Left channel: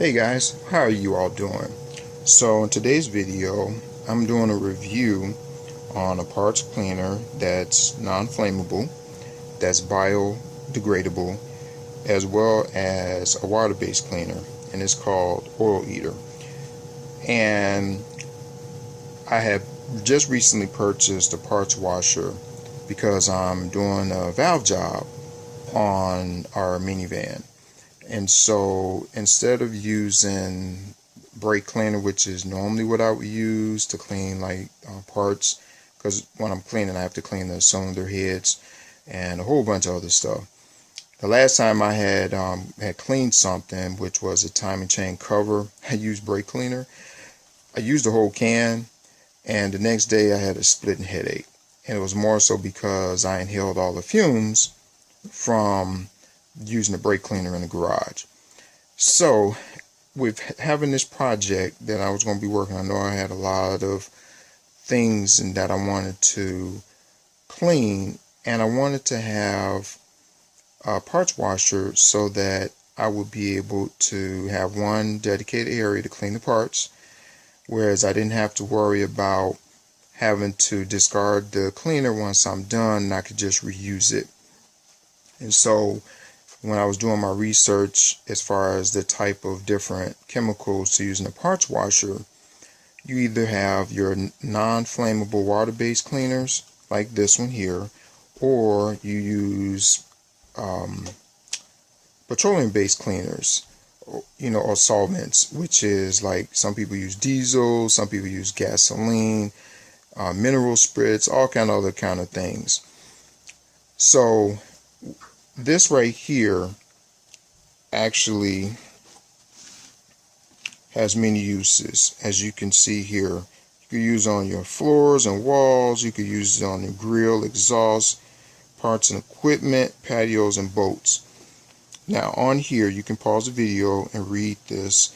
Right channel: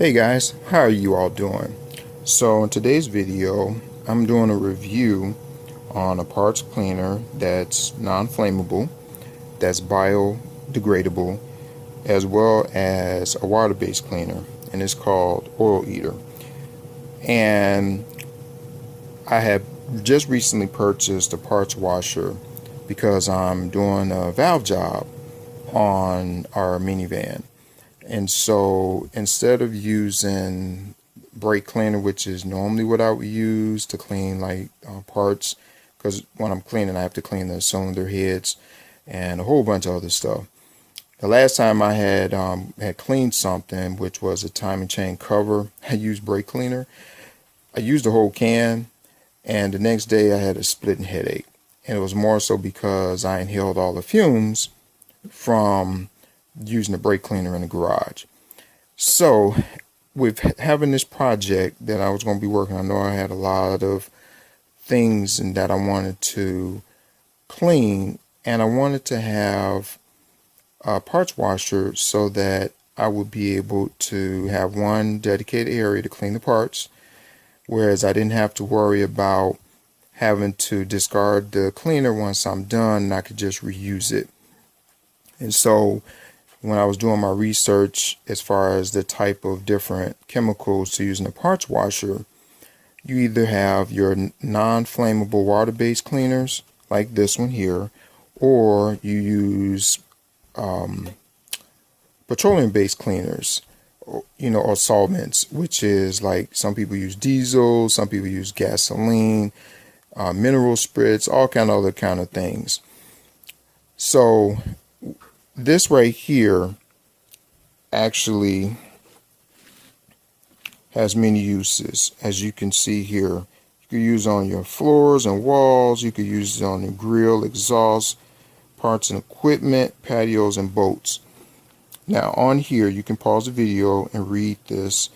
Hey guys, how are you all doing? So in today's video, I'm doing a review on a parts cleaner that's non-flammable, that's biodegradable, as well as a water-based cleaner, and it's called Oil Eater. And I have just recently purchased a parts washer because I'm doing a valve job on our minivan. And so instead of using brake cleaner, which is normally what I would use to clean like parts, because when I'm cleaning, I have to clean the cylinder heads and a whole bunch of other stuff. The last time I had cleaned something, which was a timing chain cover, I used brake cleaner. I used the whole can, and the next day I had a splitting headache. And it was more so because I inhaled all the fumes from using the brake cleaner in the garage. So with having this project that I was going to be working on, I know I had a lot of things and that I wanted to clean, and I wanted to have a parts washer so that I would be able to have one dedicated area to clean the parts, whereas I didn't have to worry about having to discard the cleaner once I'm done, and I could just reuse it. And so when I was doing my research as far as the type of different chemicals to use in a parts washer, you either have your non-flammable water-based cleaners like this one here, or you use petroleum-based cleaners, or solvents, which is like some people use diesel, some people use gasoline, mineral spirits, all kind of other kind of things. So this right here actually has many uses. As you can see here, you could use it on your floors and walls, you could use it on your grill, exhaust, parts and equipment, patios and boats. Now on here you can pause the video and read this.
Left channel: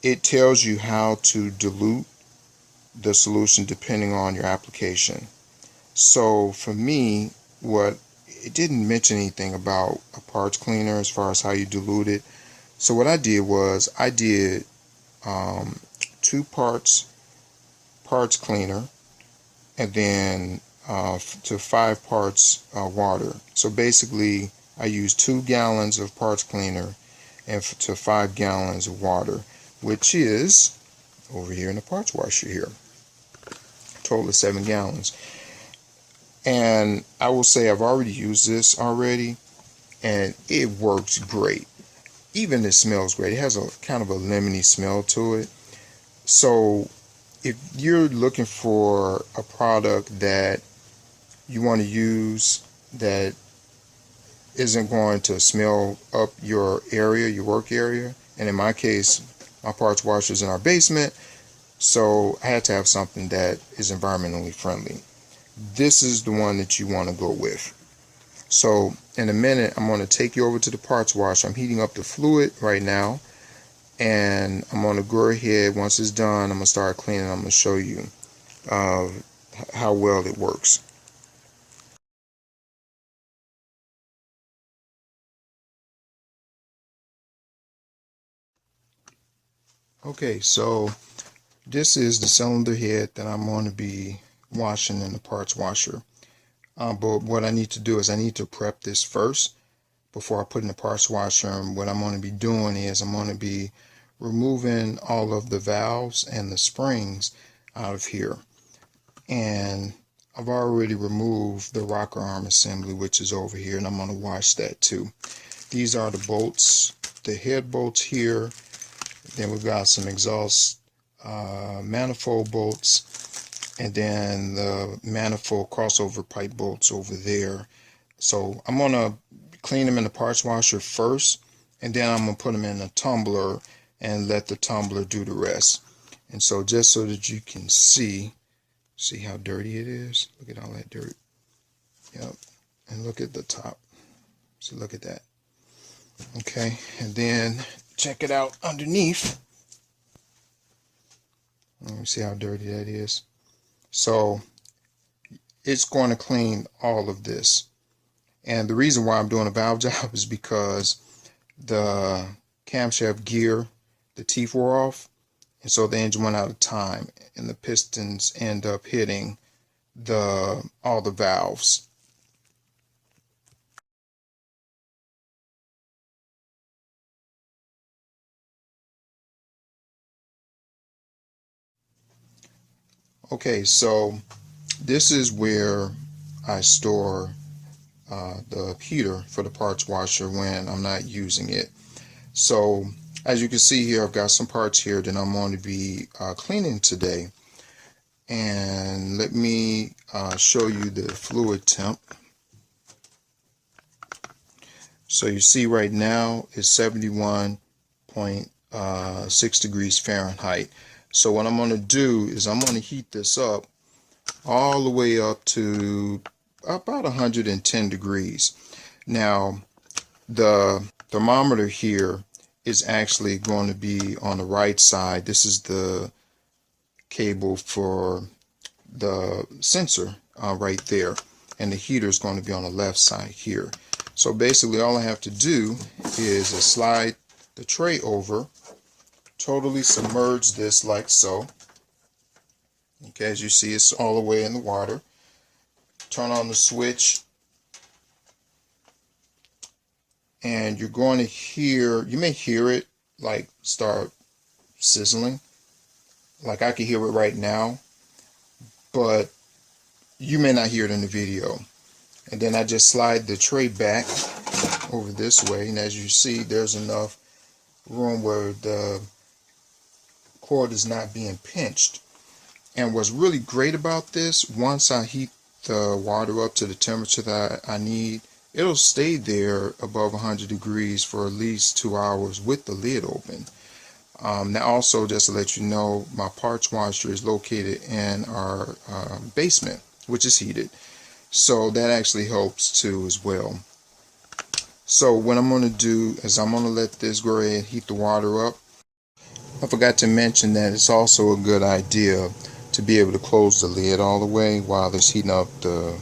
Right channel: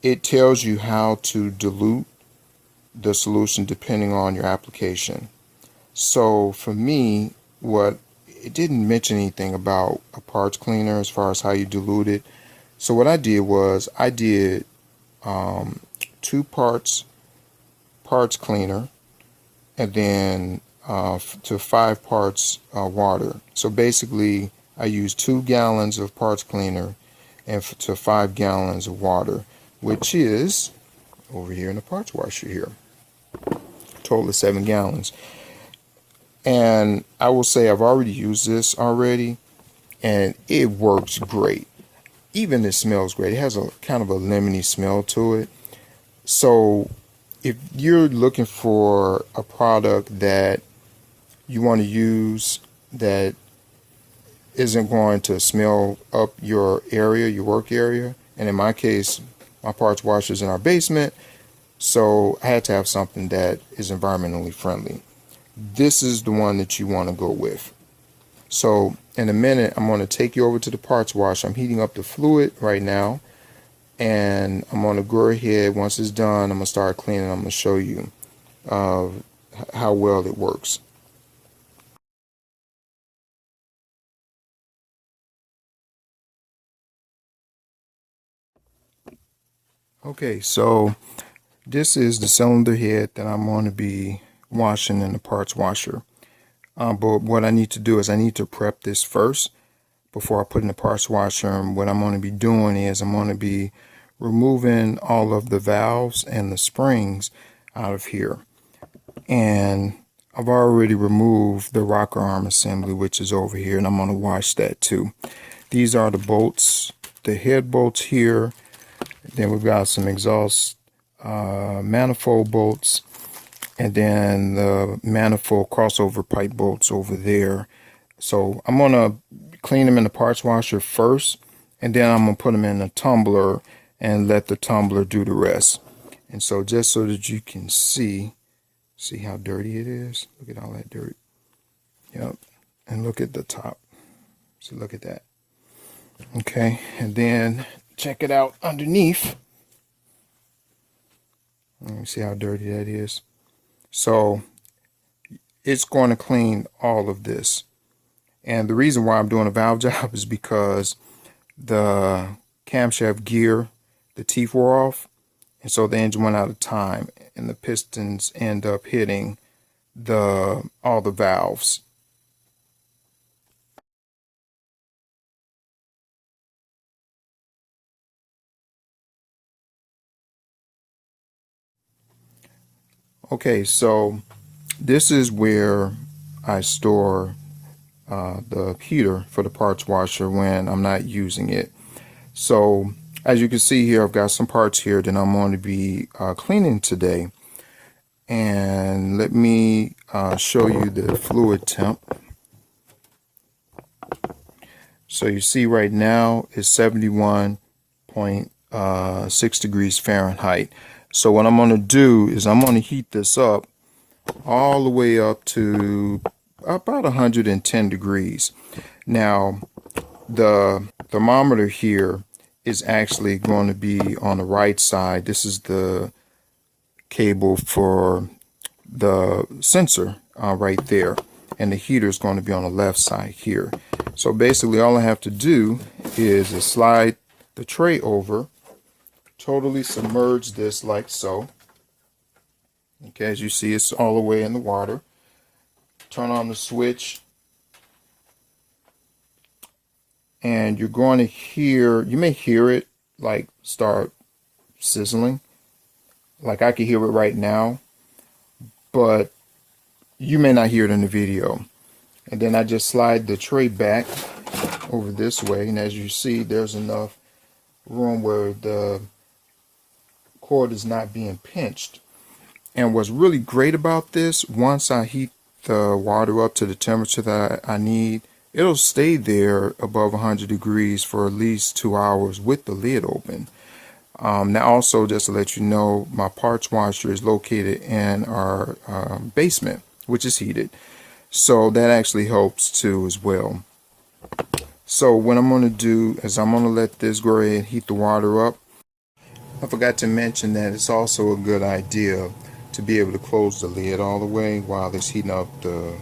It tells you how to dilute the solution depending on your application. So for me, it didn't mention anything about a parts cleaner as far as how you dilute it. So what I did was I did 2 parts cleaner, and then to 5 parts water. So basically I used 2 gallons of parts cleaner and to 5 gallons of water, which is over here in the parts washer here. Total of 7 gallons. And I will say I've already used this already, and it works great. Even it smells great. It has a kind of a lemony smell to it. So if you're looking for a product that you want to use that isn't going to smell up your area, your work area, and in my case, my parts washer is in our basement, so I had to have something that is environmentally friendly. This is the one that you want to go with. So in a minute, I'm going to take you over to the parts washer. I'm heating up the fluid right now, and I'm going to go ahead. Once it's done, I'm going to start cleaning. I'm going to show you how well it works. Okay, so this is the cylinder head that I'm going to be washing in the parts washer. But what I need to do is I need to prep this first before I put in the parts washer. And what I'm going to be doing is I'm going to be removing all of the valves and the springs out of here. And I've already removed the rocker arm assembly, which is over here, and I'm going to wash that too. These are the bolts, the head bolts here. Then we've got some exhaust manifold bolts, and then the manifold crossover pipe bolts over there. So I'm going to clean them in the parts washer first, and then I'm going to put them in a tumbler and let the tumbler do the rest. And so just so that you can see how dirty it is. Look at all that dirt. Yep. And look at the top. So look at that. Okay, and then check it out underneath. Let me see how dirty that is. So it's going to clean all of this. And the reason why I'm doing a valve job is because the camshaft gear the teeth wore off, and so the engine went out of time, and the pistons end up hitting all the valves. Okay, so this is where I store the heater for the parts washer when I'm not using it. So as you can see here, I've got some parts here that I'm going to be cleaning today. And let me show you the fluid temp. So you see right now it's 71.6 degrees Fahrenheit. So what I'm going to do is I'm going to heat this up all the way up to about 110 degrees. Now the thermometer here is actually going to be on the right side. This is the cable for the sensor right there, and the heater is going to be on the left side here. So basically all I have to do is slide the tray over, totally submerge this like so. Okay, as you see, it's all the way in the water. Turn on the switch, and you're going to hear, you may hear it like start sizzling. Like I can hear it right now, but you may not hear it in the video. And then I just slide the tray back over this way, and as you see, there's enough room where the cord is not being pinched. And what's really great about this, once I heat the water up to the temperature that I need, it'll stay there above 100 degrees for at least 2 hours with the lid open. Now also, just to let you know, my parts washer is located in our basement, which is heated. So that actually helps too as well. So what I'm going to do is I'm going to let this go ahead and heat the water up. I forgot to mention that it's also a good idea to be able to close the lid all the way while it's heating up the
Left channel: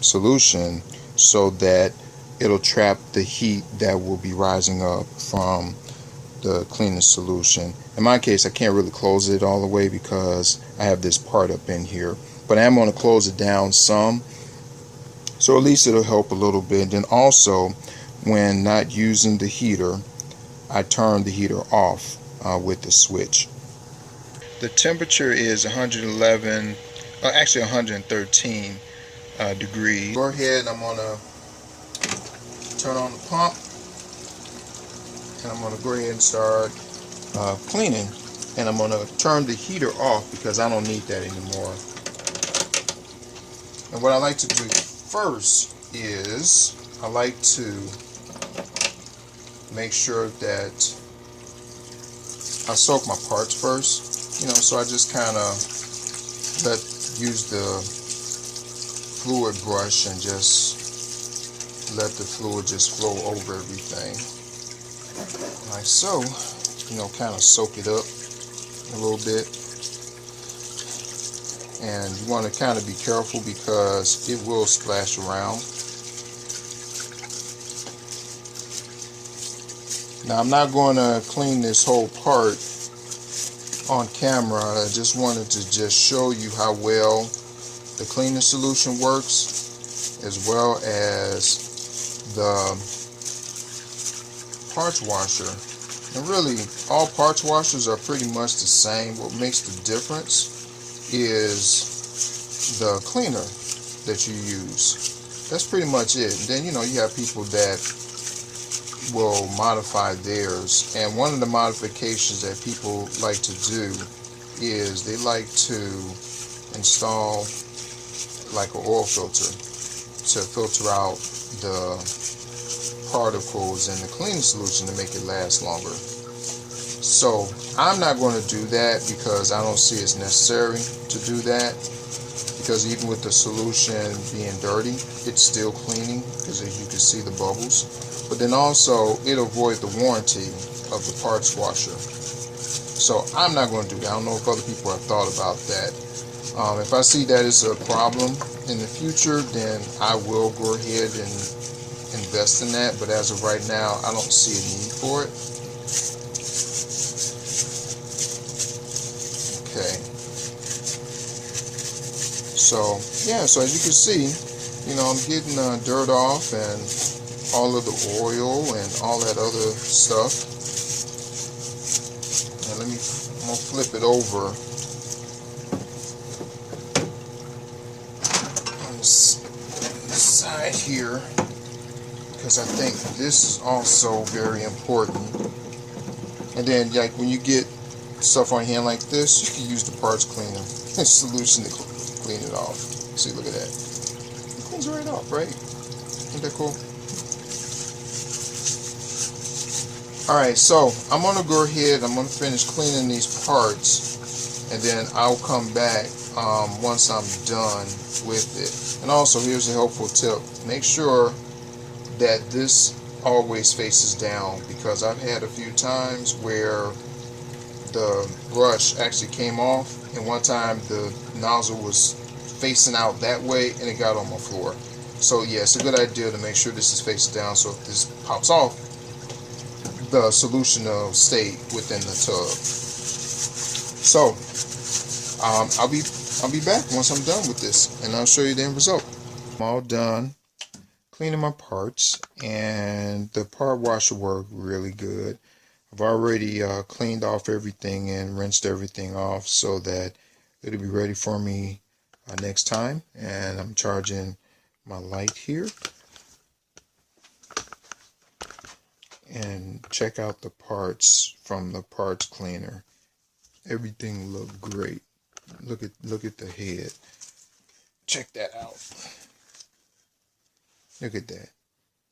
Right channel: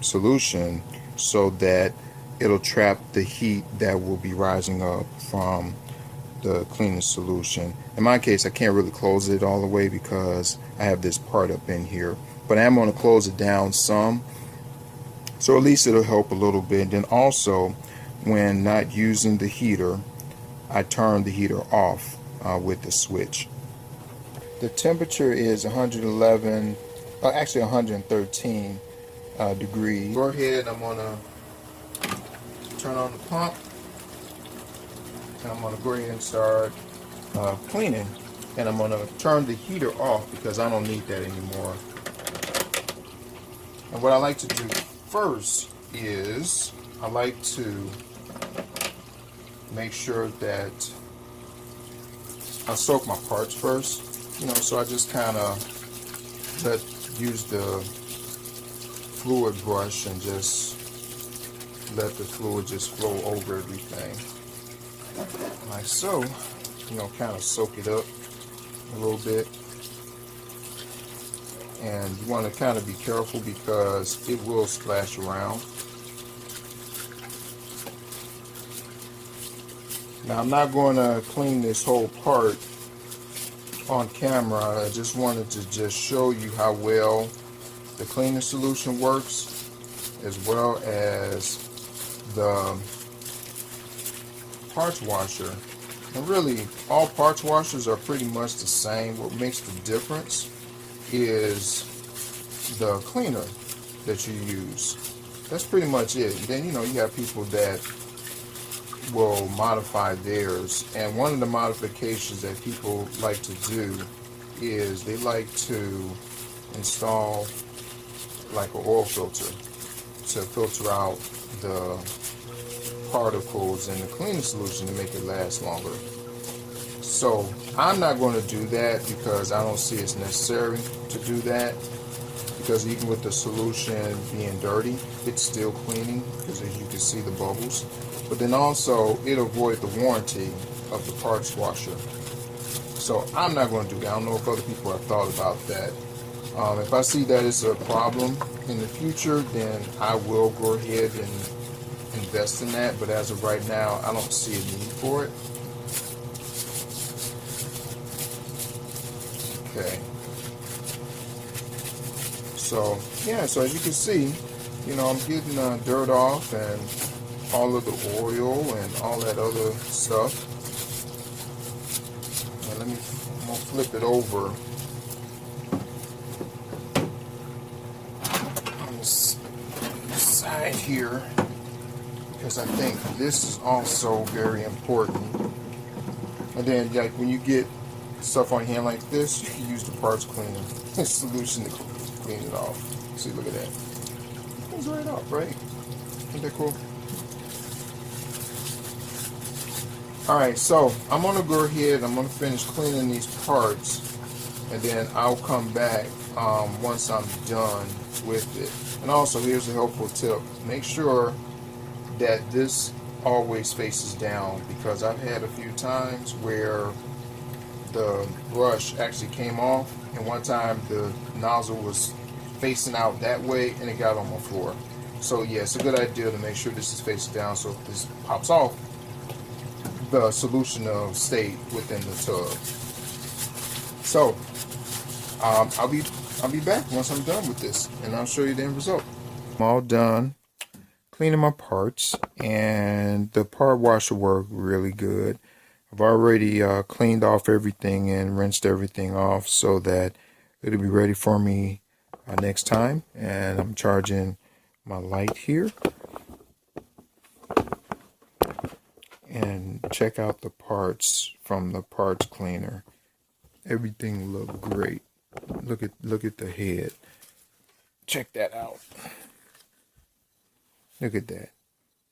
solution, so that it'll trap the heat that will be rising up from the cleaning solution. In my case, I can't really close it all the way because I have this part up in here, but I am going to close it down some, so at least it'll help a little bit. Then also, when not using the heater, I turn the heater off with the switch. The temperature is 111, actually 113 degrees. Go ahead, I'm going to turn on the pump, and I'm going to go ahead and start cleaning. And I'm going to turn the heater off because I don't need that anymore. And what I like to do first is I like to make sure that I soak my parts first. So I just kind of use the fluid brush and just let the fluid just flow over everything. Like so, kind of soak it up a little bit. And you want to kind of be careful because it will splash around. Now I'm not going to clean this whole part on camera. I just wanted to just show you how well the cleaning solution works, as well as the parts washer. And really, all parts washers are pretty much the same. What makes the difference is the cleaner that you use. That's pretty much it. Then you have people that will modify theirs, and one of the modifications that people like to do is they like to install like an oil filter to filter out the particles in the cleaning solution to make it last longer. So I'm not going to do that because I don't see it's necessary to do that, because even with the solution being dirty, it's still cleaning, because as you can see the bubbles. But then also it'll void the warranty of the parts washer. So I'm not going to do that. I don't know if other people have thought about that. If I see that it's a problem in the future, then I will go ahead and invest in that. But as of right now, I don't see a need for it. Okay. So yeah, so as you can see, I'm getting dirt off and all of the oil and all that other stuff. And I'm gonna flip it over on the side here, because I think this is also very important. And then, like, when you get stuff on hand like this, you can use the parts cleaner solution to clean it off. See, look at that. It cleans right off, right? Isn't that cool? Alright, so I'm going to go ahead, I'm going to finish cleaning these parts, and then I'll come back once I'm done with it. And also, here's a helpful tip. Make sure that this always faces down, because I've had a few times where the brush actually came off, and one time the nozzle was facing out that way and it got on my floor. So yeah, it's a good idea to make sure this is facing down, so if this pops off, the solution will stay within the tub. So I'll be back once I'm done with this, and I'll show you the end result. I'm all done cleaning my parts, and the part washer worked really good. I've already cleaned off everything and rinsed everything off so that it'll be ready for me next time. And I'm charging my light here. And check out the parts from the parts cleaner. Everything looked great. Look at the head. Check that out. Look at that.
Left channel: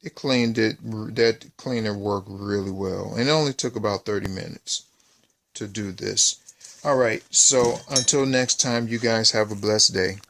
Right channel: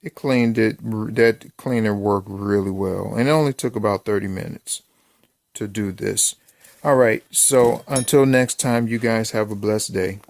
It cleaned it. That cleaner worked really well, and it only took about 30 minutes to do this. All right, so until next time, you guys have a blessed day.